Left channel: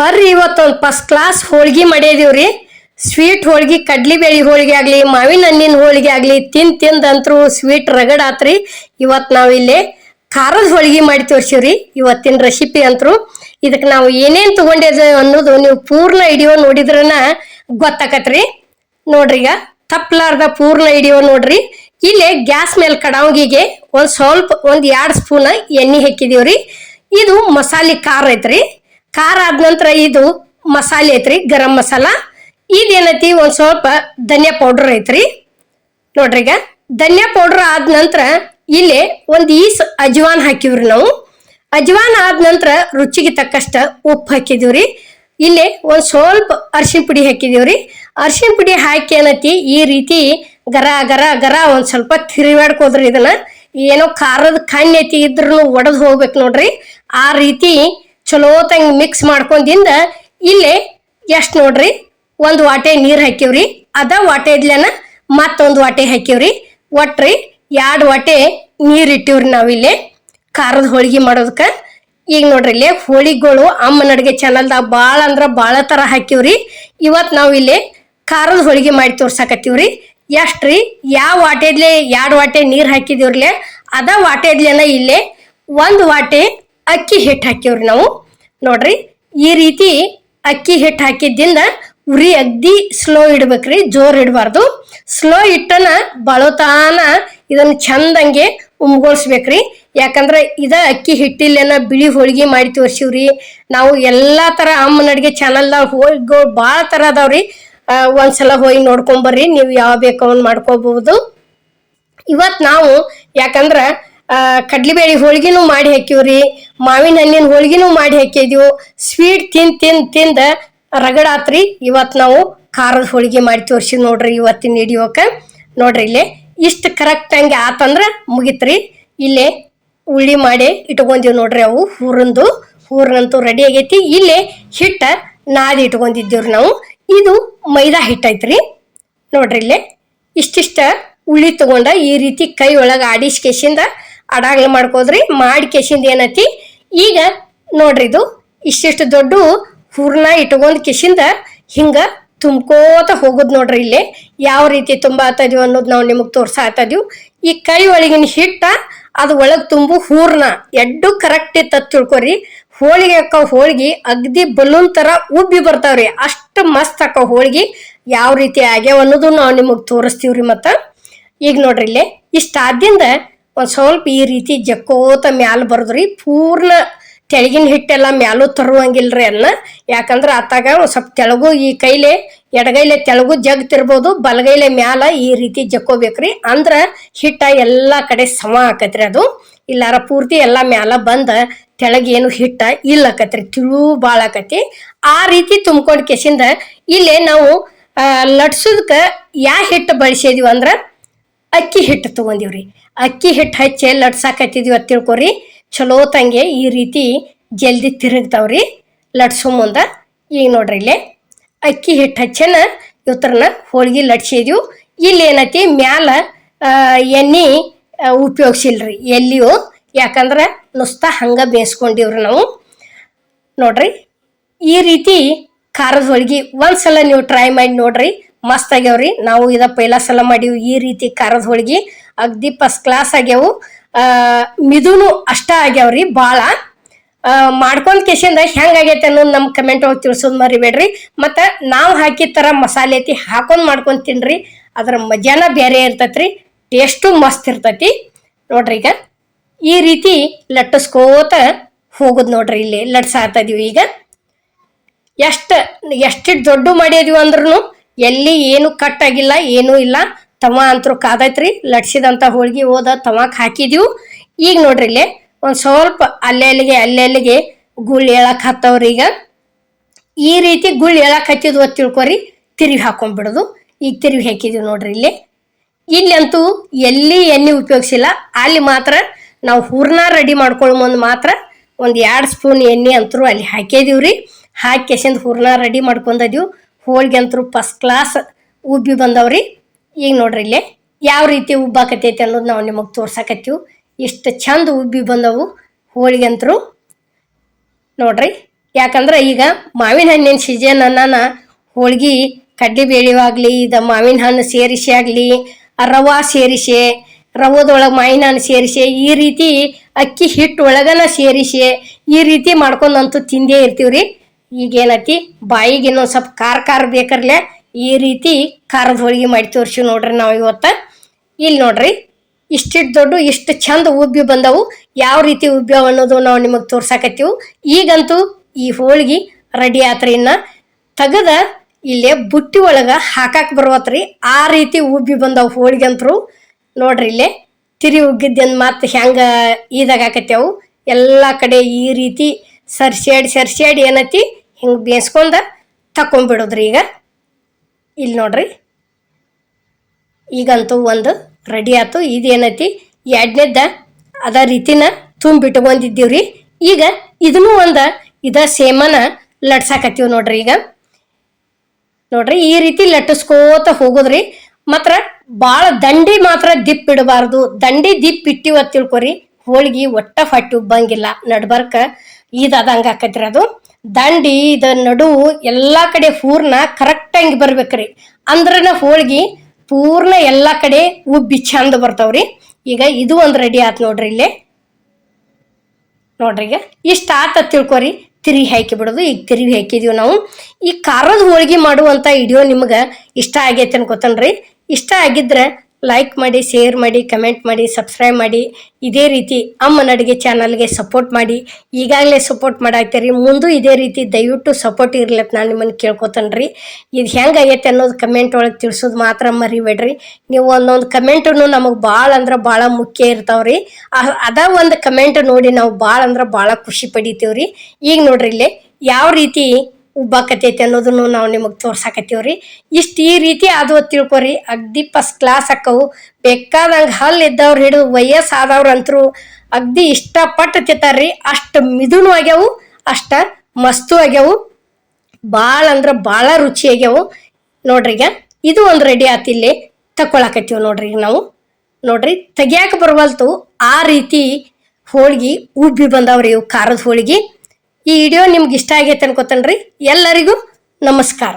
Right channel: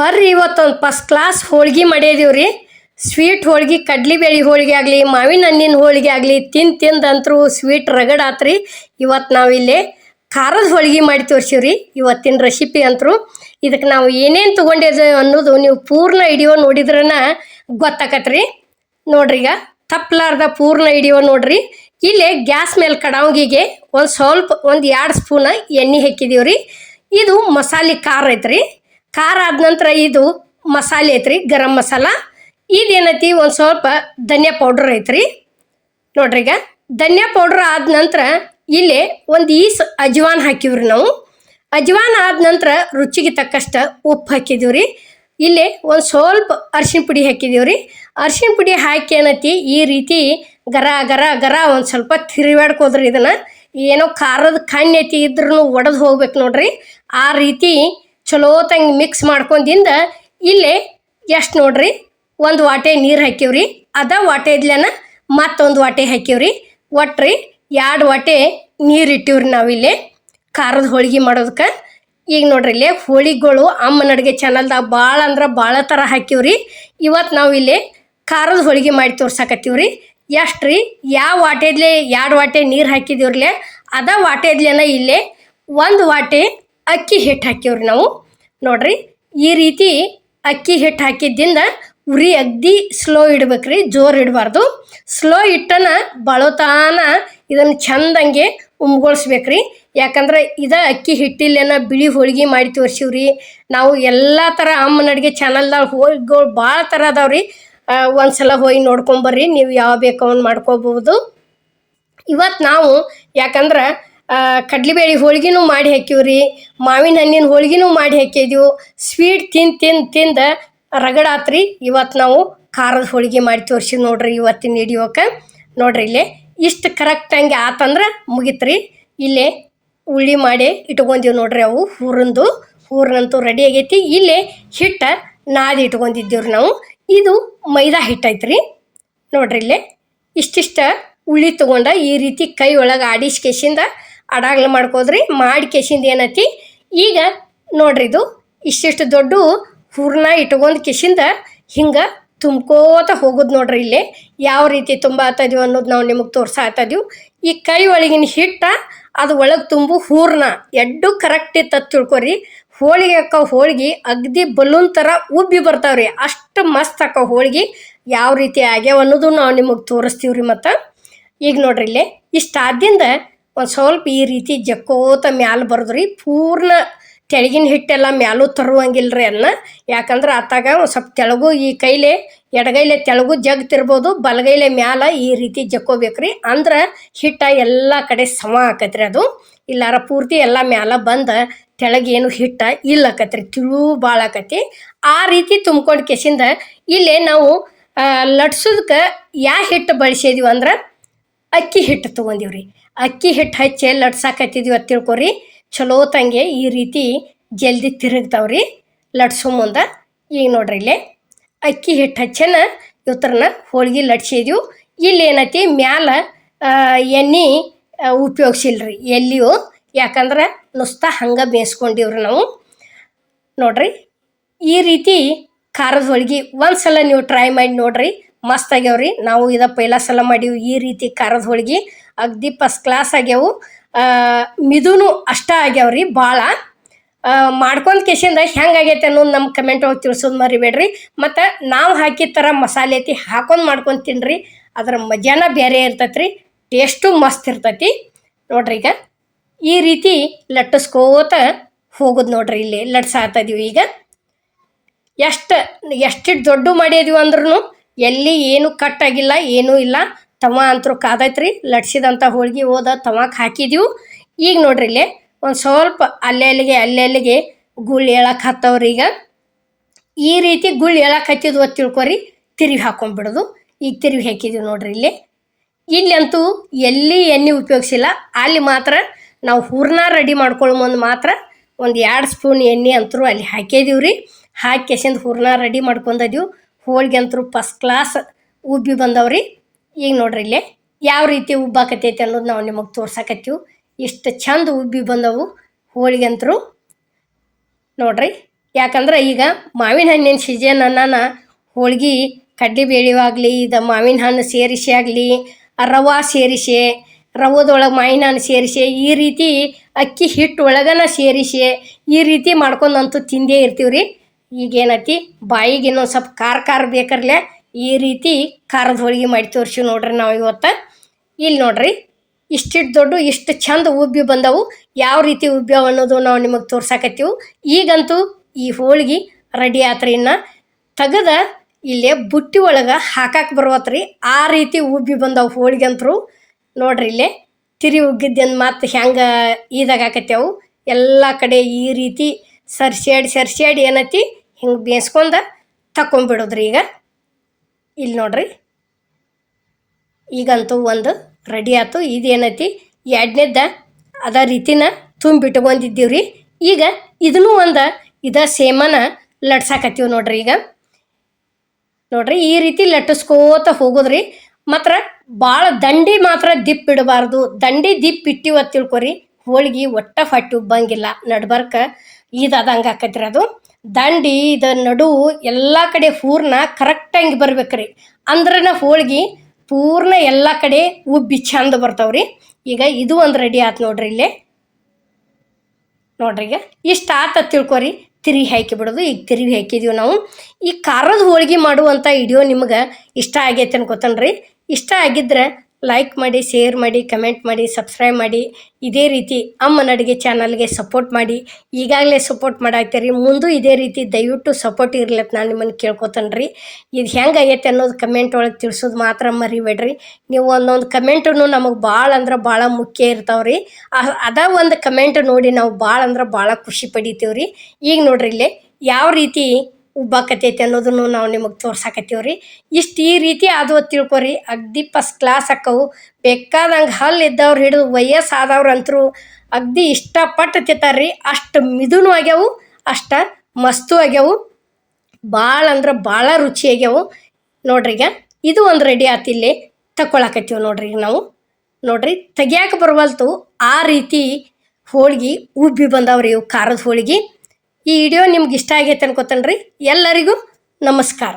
ಬರ್ರಿ ಇವತ್ತೊಂದು first class ಹೋಳ್ಗಿ ಮಾಡಿದೀವ್ರಿ. ಸ್ವೀಟ್ ಹೋಳ್ಗಿ, ಕಡ್ಲಿಬೇಳಿ ಹೋಳಿಗೆ ಆಗಲಿ, ಮಾವಿನ ಹಣ್ಣಿನ ಹೋಳಿಗೆ ಆಗಲಿ ತಿಂದಂತ್ರು ಸ್ವೀಟ್ ರಗಡ್ ಆತ್ರಿ. ಇವತ್ತು ನಾವಿಲ್ಲಿ ಖಾರದ ಹೋಳಿಗೆ ಮಾಡಿ ತೋರಿಸಿವ್ರಿ ಇವತ್ತಿನ ರೆಸಿಪಿ ಅಂತರು. ಇದಕ್ಕೆ ನಾವು ಏನೇನು ತಗೊಂಡಿದ್ದೆ ಅನ್ನೋದು ನೀವು ಪೂರ್ಣ ವಿಡಿಯೋ ನೋಡಿದ್ರನ ಗೊತ್ತಾಕತ್ರಿ. ನೋಡ್ರಿ, ಈಗ ತಪ್ಪಲಾರ್ದ ಪೂರ್ಣ ವಿಡಿಯೋ ನೋಡ್ರಿ. ಇಲ್ಲಿ ಗ್ಯಾಸ್ ಮೇಲೆ ಕಡಾವಂಗಿಗೆ ಒಂದು 2 ಸ್ಪೂನ್ ಎಣ್ಣೆ ಹಾಕಿದೀವ್ರಿ. ಇದು ಮಸಾಲೆ ಖಾರ ಐತ್ರಿ. ಖಾರ ಆದ ನಂತರ ಇದು ಮಸಾಲೆ ಐತ್ರಿ, ಗರಂ ಮಸಾಲ. ಇದೇನೈತಿ ಒಂದು ಸ್ವಲ್ಪ ಧನಿಯಾ ಪೌಡರ್ ಐತ್ರಿ. ನೋಡ್ರಿ, ಈಗ ಧನಿಯಾ ಪೌಡರ್ ಆದ ನಂತರ ಇಲ್ಲಿ ಒಂದು ಈಸ್ ಅಜ್ವಾನ್ ಹಾಕಿವ್ರಿ ನಾವು. ಅಜ್ವಾನ್ ಆದ ನಂತರ ರುಚಿಗೆ ತಕ್ಕಷ್ಟ ಉಪ್ಪು ಹಾಕಿದೀವ್ರಿ. ಇಲ್ಲಿ ಒಂದು ಸ್ವಲ್ಪ ಅರಿಶಿನ ಪುಡಿ ಹಾಕಿದೀವ್ರಿ. ಅರಿಶಿನ ಪುಡಿ ಹಾಕಿ ಏನೈತಿ ಈ ರೀತಿ ಗರ ಗರ ಗರ ಒಂದು ಸ್ವಲ್ಪ ತಿರುಗಾಡ್ಕೋದ್ರಿ. ಇದನ್ನ ಏನೋ ಖಾರದ ಕಣ್ಣು ಐತಿ ಇದ್ರೂ ಒಡೆದು ಹೋಗ್ಬೇಕು ನೋಡ್ರಿ. ಆ ರೀತಿ ಚಲೋ ತಂಗ್ ಮಿಕ್ಸ್ ಮಾಡ್ಕೊಂಡಿಂದ ಇಲ್ಲೇ ಎಷ್ಟು ನೋಡ್ರಿ, 1 ವಾಟೆ ನೀರು ಹಾಕಿವ್ರಿ. ಅದ ವಾಟೆ ಇದ್ಲೇನ ಮತ್ತೊಂದು ವಾಟೆ ಹಾಕಿವ್ರಿ. ಒಟ್ರಿ 2 ವಾಟೆ ನೀರು ಇಟ್ಟಿವ್ರಿ ನಾವಿಲ್ಲಿ ಖಾರದ ಹೋಳಿಗೆ ಮಾಡೋದಕ್ಕೆ. ಈಗ ನೋಡ್ರಿ, ಇಲ್ಲೇ ಹೋಳಿಗೆಗಳು ಅಮ್ಮನ ಅಡುಗೆ ಚಾನಲ್ದಾಗ ಭಾಳ ಅಂದ್ರೆ ಭಾಳ ಥರ ಹಾಕಿವ್ರಿ. ಇವತ್ತು ನಾವು ಇಲ್ಲಿ ಖಾರದ ಹೋಳಿಗೆ ಮಾಡಿ ತೋರ್ಸಾಕತ್ತೀವ್ರಿ. ಎಷ್ಟ್ರಿ, ಯಾವ ವಾಟೆದ್ಲೆ 2 ವಾಟೆ ನೀರು ಹಾಕಿದೀವ್ರಲೆ ಅದ ವಾಟೆದ್ಲೇನ ಇಲ್ಲೇ 1 ವಾಟೆ ಅಕ್ಕಿ ಹಿಟ್ಟು ಹಾಕಿವ್ರಿ ನಾವು. ನೋಡ್ರಿ, ಈ ರೀತಿ ಅಕ್ಕಿ ಹಿಟ್ಟು ಹಾಕಿದ್ದಿಂದ ಉರಿ ಅಗ್ದಿ ಸ್ಲೋ ಇಡ್ಬೇಕ್ರಿ, ಜೋರ್ ಇಡಬಾರ್ದು. ಸ್ಲೋ ಇಟ್ಟನ ಬಳತಾನ ಇದನ್ನ ಚಂದಂಗೆ ಉಮ್ಗೊಳ್ಸ್ಬೇಕ್ರಿ. ಯಾಕಂದ್ರೆ ಇದ ಅಕ್ಕಿ ಹಿಟ್ಟಿಲ್ಲೇನ ಬಿಳಿ ಹೋಳಿಗೆ ಮಾಡಿ ತೋರ್ಸಿವ್ರಿ ನಾವು. ಎಲ್ಲಾ ತರ ಅಮ್ಮನ ಅಡ್ಗೆ ಚಾನಲ್ದಾಗ ಹೋಳಿಗೆಗಳು ಭಾಳ ತರ ಅದಾವ್ರಿ. ಒಂದ್ಸಲ ಹೋಗಿ ನೋಡ್ಕೊಂಬರ್ರಿ, ನೀವು ಯಾವ ಬೇಕು ಅವ್ನು ಮಾಡ್ಕೋಬಹುದು. ಇವತ್ತು ನಾವು ಯಾಕಂದ್ರ ಕಡ್ಲಿಬೇಳಿ ಹೋಳಿಗೆನೂ ಮಾಡಿ ಹಾಕಿವ್ರಿ, ಮಾವಿನ ಹಣ್ಣಿನ ಹೋಳಿಗೆನೂ ಮಾಡಿ ಹಾಕಿದ್ವು. ಸ್ವೀಟ್ ತಿಂದ ರಗಡಾತ್ರಿ. ಇವತ್ತು ನಾವು ಖಾರದ ಹೋಳಿಗೆ ಮಾಡಿ ತೋರಿಸಿವ್ ನೋಡ್ರಿ ಇವತ್ತಿನ ವಿಡಿಯೋಕ್ಕೆ. ನೋಡ್ರಿ, ಇಲ್ಲೇ ಇಷ್ಟು ಕರೆಕ್ಟ್ ಹಂಗೆ ಆತಂದ್ರೆ ಮುಗಿತ್ರಿ. ಇಲ್ಲೇ ಉಳ್ಳಿ ಮಾಡಿ ಇಟ್ಕೊಂಡಿವ್ ನೋಡ್ರಿ. ಅವು ಹೂರ್ನಂತೂ ರೆಡಿ ಆಗೈತಿ. ಇಲ್ಲೇ ಹಿಟ್ಟ ನಾದಿ ಇಟ್ಕೊಂಡಿದ್ದೀವ್ರಿ ನಾವು. ಇದು ಮೈದಾ ಹಿಟ್ಟೈತ್ರಿ. ನೋಡ್ರಿ, ಇಲ್ಲೇ ಇಷ್ಟಿಷ್ಟ ಉಳ್ಳಿ ತಗೊಂಡ ಈ ರೀತಿ ಕೈ ಒಳಗೆ ಆಡಿಸ್ಕೇಶಿಂದ ಅಡಾಗ್ಲ ಮಾಡ್ಕೋದ್ರಿ. ಮಾಡಿ ಕೇಶಿಂದ ಏನೈತಿ ಈಗ ನೋಡ್ರಿ, ಇದು ಇಷ್ಟಿಷ್ಟು ದೊಡ್ಡ ಹೂರ್ನ ಇಟ್ಕೊಂಡ್ ಕಿಶಿಂದ ಹಿಂಗ ತುಂಬ್ಕೋತ ಹೋಗುದ್ ನೋಡ್ರಿ. ಇಲ್ಲೇ ಯಾವ ರೀತಿ ತುಂಬಾತದೀವಿ ಅನ್ನೋದು ನಾವು ನಿಮಗೆ ತೋರ್ಸಾತದೀವಿ. ಈ ಕೈ ಒಳಗಿನ ಹಿಟ್ಟ ಅದು ಒಳಗೆ ತುಂಬು ಹೂರ್ನ ಎಡ್ಡು ಕರೆಕ್ಟ್ ಇತ್ತ ತಿಳ್ಕೊರಿ. ಹೋಳಿಗೆ ಹಾಕೋ ಹೋಳಿಗೆ ಅಗ್ದಿ ಬಲೂನ್ ತರ ಉಬ್ಬಿ ಬರ್ತಾವ್ರಿ. ಅಷ್ಟು ಮಸ್ತ್ ಹಾಕೋ ಹೋಳಿಗೆ ಯಾವ ರೀತಿ ಆಗ್ಯಾವ ಅನ್ನೋದು ನಾವು ನಿಮಗೆ ತೋರಿಸ್ತೀವ್ರಿ. ಮತ್ತು ಈಗ ನೋಡ್ರಿ, ಇಲ್ಲೇ ಇಷ್ಟ ಆದ್ದಿಂದ ಒಂದು ಸ್ವಲ್ಪ ಈ ರೀತಿ ಜಕ್ಕೋತ ಮ್ಯಾಲ ಬರೋದ್ರಿ. ಪೂರ್ಣ ತೆಳಗಿನ ಹಿಟ್ಟೆಲ್ಲ ಮ್ಯಾಲೂ ತರುವಂಗಿಲ್ರಿ ಅನ್ನ. ಯಾಕಂದ್ರೆ ಆತಾಗ ಒಂದು ಸ್ವಲ್ಪ ತೆಳಗು ಈ ಕೈಲೆ ಎಡಗೈಲೆ ತೆಳಗು ಜಗ್ತಿರ್ಬೋದು, ಬಲಗೈಲೆ ಮ್ಯಾಲ ಈ ರೀತಿ ಜಕ್ಕೋಬೇಕ್ರಿ. ಅಂದ್ರ ಹಿಟ್ಟ ಎಲ್ಲ ಕಡೆ ಸಮ ಆಕತ್ರಿ. ಅದು ಇಲ್ಲಾರ ಪೂರ್ತಿ ಎಲ್ಲ ಮ್ಯಾಲ ಬಂದ ತೆಳಗೇನು ಹಿಟ್ಟ ಇಲ್ಲಕತ್ರಿ, ತಿಳು ಭಾಳ ಆಕತಿ. ಆ ರೀತಿ ತುಂಬ್ಕೊಂಡ್ ಕೆಸಿಂದ ಇಲ್ಲೇ ನಾವು ಲಟ್ಸೋದಕ್ಕೆ ಯಾವ ಹಿಟ್ಟು ಬಳಸಿದೀವಿ ಅಂದ್ರೆ ಅಕ್ಕಿ ಹಿಟ್ಟು ತಗೊಂಡಿವ್ರಿ. ಅಕ್ಕಿ ಹಿಟ್ಟು ಹಚ್ಚಿ ಲಟ್ಸಾಕತ್ತಿದೀವಿ ಅಂತ ತಿಳ್ಕೊರಿ. ಚಲೋ ತಂಗೆ ಈ ರೀತಿ ಜಲ್ದಿ ತಿರುಗ್ತಾವ್ರಿ ಲಟ್ಸೋ ಮುಂದೆ. ಈಗ ನೋಡ್ರಿ, ಇಲ್ಲೇ ಅಕ್ಕಿ ಹಿಟ್ಟು ಹಚ್ಚನ ಇವತ್ತರನ್ನ ಹೋಳ್ಗೆ ಲಟ್ಸಿದೀವಿ. ಇಲ್ಲಿ ಏನೈತಿ ಮ್ಯಾಲ ಎಣ್ಣೆ ಉಪಯೋಗಿಸಿಲ್ರಿ ಎಲ್ಲಿಯೂ. ಯಾಕಂದ್ರೆ ನುಸ್ತಾ ಹಂಗೆ ಬೇಯಿಸ್ಕೊಂಡಿವ್ರಿ ನಾವು. ನೋಡ್ರಿ, ಈ ರೀತಿ ಖಾರದ ಹೋಳ್ಗೆ ಒಂದ್ಸಲ ನೀವು ಟ್ರೈ ಮಾಡಿ ನೋಡ್ರಿ, ಮಸ್ತ್ ಆಗ್ಯಾವ್ರಿ. ನಾವು ಇದ ಪೈಲ ಸಲ ಮಾಡೀವಿ ಈ ರೀತಿ ಖಾರದ ಹೋಳ್ಗೆ. ಅಗ್ದಿ ಫಸ್ಟ್ ಕ್ಲಾಸ್ ಆಗ್ಯಾವು. ಮಿದುನು ಅಷ್ಟ ಆಗ್ಯಾವ್ರಿ. ಭಾಳ ಮಾಡ್ಕೊಂಡ್ ಕೇಸಿಂದ ಹೆಂಗಾಗೈತೆ ಅನ್ನೋದು ನಮ್ಮ ಕಮೆಂಟ್ ಒಳಗೆ ತಿಳಿಸೋದು ಮರಿಬೇಡ್ರಿ. ಮತ್ತು ನಾವು ಹಾಕಿದ ಥರ ಮಸಾಲೆ ಐತಿ ಹಾಕೊಂಡು ಮಾಡ್ಕೊಂಡು ತಿನ್ರಿ, ಅದರ ಮಜಾನ ಬೇರೆ ಇರ್ತೈತ್ರಿ, ಟೇಸ್ಟು ಮಸ್ತ್ ಇರ್ತೈತಿ. ನೋಡ್ರಿ, ಈಗ ಈ ರೀತಿ ಲಟ್ಟಿಸ್ಕೋತ ಹೋಗೋದು ನೋಡ್ರಿ. ಇಲ್ಲಿ ಲಟ್ಸಾತದೀವಿ. ಈಗ ಎಷ್ಟು ದೊಡ್ಡ ಮಾಡಿದೀವಿ ಅಂದ್ರೂ ಎಲ್ಲಿ ಏನು ಕಟ್ ಆಗಿಲ್ಲ, ಏನೂ ಇಲ್ಲ. ತವ ಅಂತರೂ ಕಾದೈತ್ರಿ. ಲಟ್ಸಿದಂಥ ಹೋಳ್ಗೆ ಹೋದ ತವಾಕ್ ಹಾಕಿದೀವಿ. ಈಗ ನೋಡ್ರಿ, ಇಲ್ಲೇ ಒಂದು ಸ್ವಲ್ಪ ಅಲ್ಲೆಲ್ಲಿಗೆ ಗುಳ್ಳು ಹೇಳಕ್ಕೆ ಹತ್ತವ್ರಿ. ಈಗ ಈ ರೀತಿ ಗುಳ್ಳು ಹೇಳಕ್ಕೆ ಹತ್ತಿದ್ವು ಅಂತ ತಿಳ್ಕೊರಿ, ತಿರುವಿ ಹಾಕೊಂಡ್ಬಿಡೋದು. ಈಗ ತಿರುವಿ ಹಾಕಿದೀವಿ ನೋಡ್ರಿ. ಇಲ್ಲಂತೂ ಎಲ್ಲಿ ಎಣ್ಣೆ ಉಪಯೋಗಿಸಿಲ್ಲ. ಅಲ್ಲಿ ಮಾತ್ರ ನಾವು ಹೂರ್ನ ರೆಡಿ ಮಾಡ್ಕೊಳ್ಳೋ ಮುಂದೆ ಮಾತ್ರ ಒಂದು 2 ಸ್ಪೂನ್ ಎಣ್ಣೆ ಅಂತರೂ ಅಲ್ಲಿ ಹಾಕಿದೀವ್ರಿ. ಹಾಕಿ ಕೆಸಿಂದ ಹೂರ್ನ ರೆಡಿ ಮಾಡ್ಕೊಂಡಿದ್ದೀವಿ. ಹೋಳಿಗೆ ಅಂತರೂ ಫಸ್ಟ್ ಕ್ಲಾಸ್ ಉಬ್ಬಿ ಬಂದವ್ರಿ. ಈಗ ನೋಡ್ರಿ, ಇಲ್ಲೇ ಯಾವ ರೀತಿ ಉಬ್ಬಾಕತೈತಿ ಅನ್ನೋದು ನಾವು ನಿಮಗೆ ತೋರ್ಸಾಕತ್ತೀವಿ. ಇಷ್ಟು ಚಂದ ಉಬ್ಬಿ ಬಂದವು ಹೋಳಿಗೆ ಅಂತರೂ. ನೋಡ್ರಿ, ಯಾಕಂದ್ರೆ ಈಗ ಮಾವಿನ ಹಣ್ಣಿನ ಸೀಸನ್ ಅನ್ನ ಹೋಳ್ಗಿ ಕಡ್ಲಿ ಬೇಳೆವಾಗಲಿ ಇದು ಮಾವಿನ ಹಣ್ಣು ಸೇರಿಸಿ ಆಗಲಿ ರವಾ ಸೇರಿಸಿ ರವದೊಳಗೆ ಮಾವಿನ ಹಣ್ಣು ಸೇರಿಸಿ ಈ ರೀತಿ ಅಕ್ಕಿ ಹಿಟ್ಟು ಒಳಗನ ಸೇರಿಸಿ ಈ ರೀತಿ ಮಾಡ್ಕೊಂಡಂತೂ ತಿಂದೇ ಇರ್ತೀವಿ ರೀ. ಈಗೇನತಿ ಬಾಯಿಗೆ ಇನ್ನೊಂದು ಸ್ವಲ್ಪ ಖಾರ ಬೇಕರ್ಲೆ ಈ ರೀತಿ ಖಾರದ ಹೋಳಿಗೆ ಮಾಡಿ ತೋರಿಸಿ ನೋಡ್ರಿ ನಾವು ಇವತ್ತು. ಇಲ್ಲಿ ನೋಡ್ರಿ ಇಷ್ಟಿಟ್ಟು ದೊಡ್ಡ ಇಷ್ಟು ಚಂದ ಉಬ್ಬಿ ಬಂದವು. ಯಾವ ರೀತಿ ಉಬ್ಬ್ಯಾವ ಅನ್ನೋದು ನಾವು ನಿಮಗೆ ತೋರ್ಸಾಕತ್ತೀವಿ. ಈಗಂತೂ ಈ ಹೋಳ್ಗಿ ರೆಡಿ ಆತ್ರಿ. ಇನ್ನು ತೆಗದ ಇಲ್ಲೇ ಬುಟ್ಟಿ ಒಳಗೆ ಹಾಕಕ್ಕೆ ಬರುವತ್ರಿ ಆ ರೀತಿ ಉಬ್ಬಿ ಬಂದವು ಹೋಳಿಗೆ ಅಂತರು. ನೋಡ್ರಿ ಇಲ್ಲೇ ತಿರಿ ಉಗ್ಗಿದ್ದೇನು ಮತ್ತೆ ಹೆಂಗೆ ಈದಾಗತ್ತೇವು ಎಲ್ಲ ಕಡೆ ಈ ರೀತಿ ಸರ್ಸ್ಯಾಡಿ ಏನೈತಿ ಹಿಂಗೆ ಬೇಯಿಸ್ಕೊಂಡ ತಕೊಂಡ್ಬಿಡೋದ್ರಿ. ಈಗ ಇಲ್ಲಿ ನೋಡ್ರಿ ಈಗಂತೂ ಒಂದು ರೆಡಿ ಆಯ್ತು. ಇದೇನೈತಿ ಎರಡನೇದ ಅದ ರೀತಿನ ತುಂಬಿಟ್ಕೊಂಡಿದ್ದೀವ್ರಿ. ಈಗ ಇದನ್ನು ಒಂದು ಸೇಮನ ಲಟ್ಸಾಕತ್ತೀವಿ ನೋಡ್ರಿ. ಈಗ ನೋಡ್ರಿ ಈ ರೀತಿ ಲಟ್ಟಿಸ್ಕೋತ ಹೋಗೋದ್ರಿ. ಮಾತ್ರ ಭಾಳ ದಂಡಿ ಮಾತ್ರ ದಿಪ್ ಇಡಬಾರ್ದು. ದಂಡಿ ದಿಪ್ ಇಟ್ಟಿವ ತಿಳ್ಕೊರಿ ಹೋಳ್ಗಿ ಒಟ್ಟ ಫಟ್ಟಿ ಉಬ್ಬಂಗಿಲ್ಲ. ನಡ್ಬರ್ಕ ಇದಂಗೆ ಆಕತ್ರಿ. ಅದು ದಂಡಿ ಇದ ನಡುವು ಎಲ್ಲ ಕಡೆ ಪೂರ್ಣ ಕರೆಕ್ಟಾಗಿ ಬರ್ಬೇಕ್ರಿ. ಅಂದ್ರನ ಹೋಳ್ಗಿ ಪೂರ್ಣ ಎಲ್ಲ ಕಡೆ ಉಬ್ಬಿ ಚಂದ ಬರ್ತಾವ್ರಿ. ಈಗ ಇದು ಒಂದು ರೆಡಿ ಆಯ್ತು ನೋಡ್ರಿ. ಇಲ್ಲೇ ನೋಡ್ರಿ ಈಗ ಇಷ್ಟ ಆತ ತಿಳ್ಕೊರಿ ತಿರುಗಿ ಹಾಕಿ ಬಿಡೋದು. ಈಗ ತಿರುಗಿ ಹಾಕಿದೀವಿ ನಾವು. ಈ ಖಾರದ ಹೋಳ್ಗೆ ಮಾಡುವಂಥ ವಿಡಿಯೋ ನಿಮ್ಗೆ ಇಷ್ಟ ಆಗೈತೆ ಅನ್ಕೋತನ್ರಿ. ಇಷ್ಟ ಆಗಿದ್ರೆ ಲೈಕ್ ಮಾಡಿ, ಶೇರ್ ಮಾಡಿ, ಕಮೆಂಟ್ ಮಾಡಿ, ಸಬ್ಸ್ಕ್ರೈಬ್ ಮಾಡಿ. ಇದೇ ರೀತಿ ಅಮ್ಮನ ಅಡುಗೆ ಚಾನಲ್ಗೆ ಸಪೋರ್ಟ್ ಮಾಡಿ. ಈಗಾಗಲೇ ಸಪೋರ್ಟ್ ಮಾಡಾಕ್ತೀರಿ, ಮುಂದೂ ಇದೇ ರೀತಿ ದಯವಿಟ್ಟು ಸಪೋರ್ಟ್ ಇರ್ಲತ್ತ ನಾನು ನಿಮ್ಮನ್ನು ಕೇಳ್ಕೊತನ್ರಿ. ಇದು ಹೆಂಗಾಗೈತೆ ಅನ್ನೋದು ಕಮೆಂಟ್ ಒಳಗೆ ತಿಳಿಸೋದು ಮಾತ್ರ ಮರಿಬೇಡ್ರಿ. ನೀವು ಒಂದೊಂದು ಕಮೆಂಟನ್ನು ನಮಗೆ ಭಾಳ ಅಂದ್ರೆ ಭಾಳ ಮುಖ್ಯ ಇರ್ತಾವ್ರಿ. ಅದ ಒಂದು ಕಮೆಂಟ್ ನೋಡಿ ನಾವು ಭಾಳ ಅಂದ್ರೆ ಭಾಳ ಖುಷಿ ಪಡಿತೀವ್ರಿ. ಈಗ ನೋಡ್ರಿ ಇಲ್ಲೇ ಯಾವ ರೀತಿ ಉಬ್ಬಾಕತೈತಿ ಅನ್ನೋದನ್ನು ನಾವು ನಿಮಗೆ ತೋರ್ಸಾಕತ್ತೀವ್ರಿ. ಈ ರೀತಿ ಅದು ತಿಳ್ಕೊರಿ ಅಗ್ದಿ ಫಸ್ಟ್ ಕ್ಲಾಸ್ ಅಕ್ಕವು. ಬೇಕಾದಂಗೆ ಹಲ್ಲು ಇದ್ದವ್ರು ಹಿಡಿದು ವಯಸ್ಸಾದವ್ರು ಅಂತರೂ ಅಗ್ದಿ ಇಷ್ಟಪಟ್ಟು ತಿಂತಾರ್ರಿ. ಅಷ್ಟು ಮಿದುನು ಆಗ್ಯಾವು, ಅಷ್ಟ ಮಸ್ತು ಆಗ್ಯಾವು, ಭಾಳ ಅಂದ್ರೆ ಭಾಳ ರುಚಿ ಆಗ್ಯಾವು ನೋಡ್ರಿ. ಈಗ ಇದು ಒಂದು ರೆಡಿ ಆತು. ಇಲ್ಲಿ ತಕೊಳಕತ್ತೀವಿ ನೋಡ್ರಿ. ಈಗ ನಾವು ನೋಡ್ರಿ ತೆಗಿಯಾಕ ಬರವಲ್ತು ಆ ರೀತಿ ಹೋಳ್ಗಿ ಉಬ್ಬಿ ಬಂದವ್ರಿ ಇವು ಖಾರದ ಹೋಳ್ಗಿ. ಈ ವಿಡಿಯೋ ನಿಮ್ಗೆ ಇಷ್ಟ ಆಗೈತೆ ಅನ್ಕೋತನ್ರಿ. ಎಲ್ಲರಿಗೂ ನಮಸ್ಕಾರ.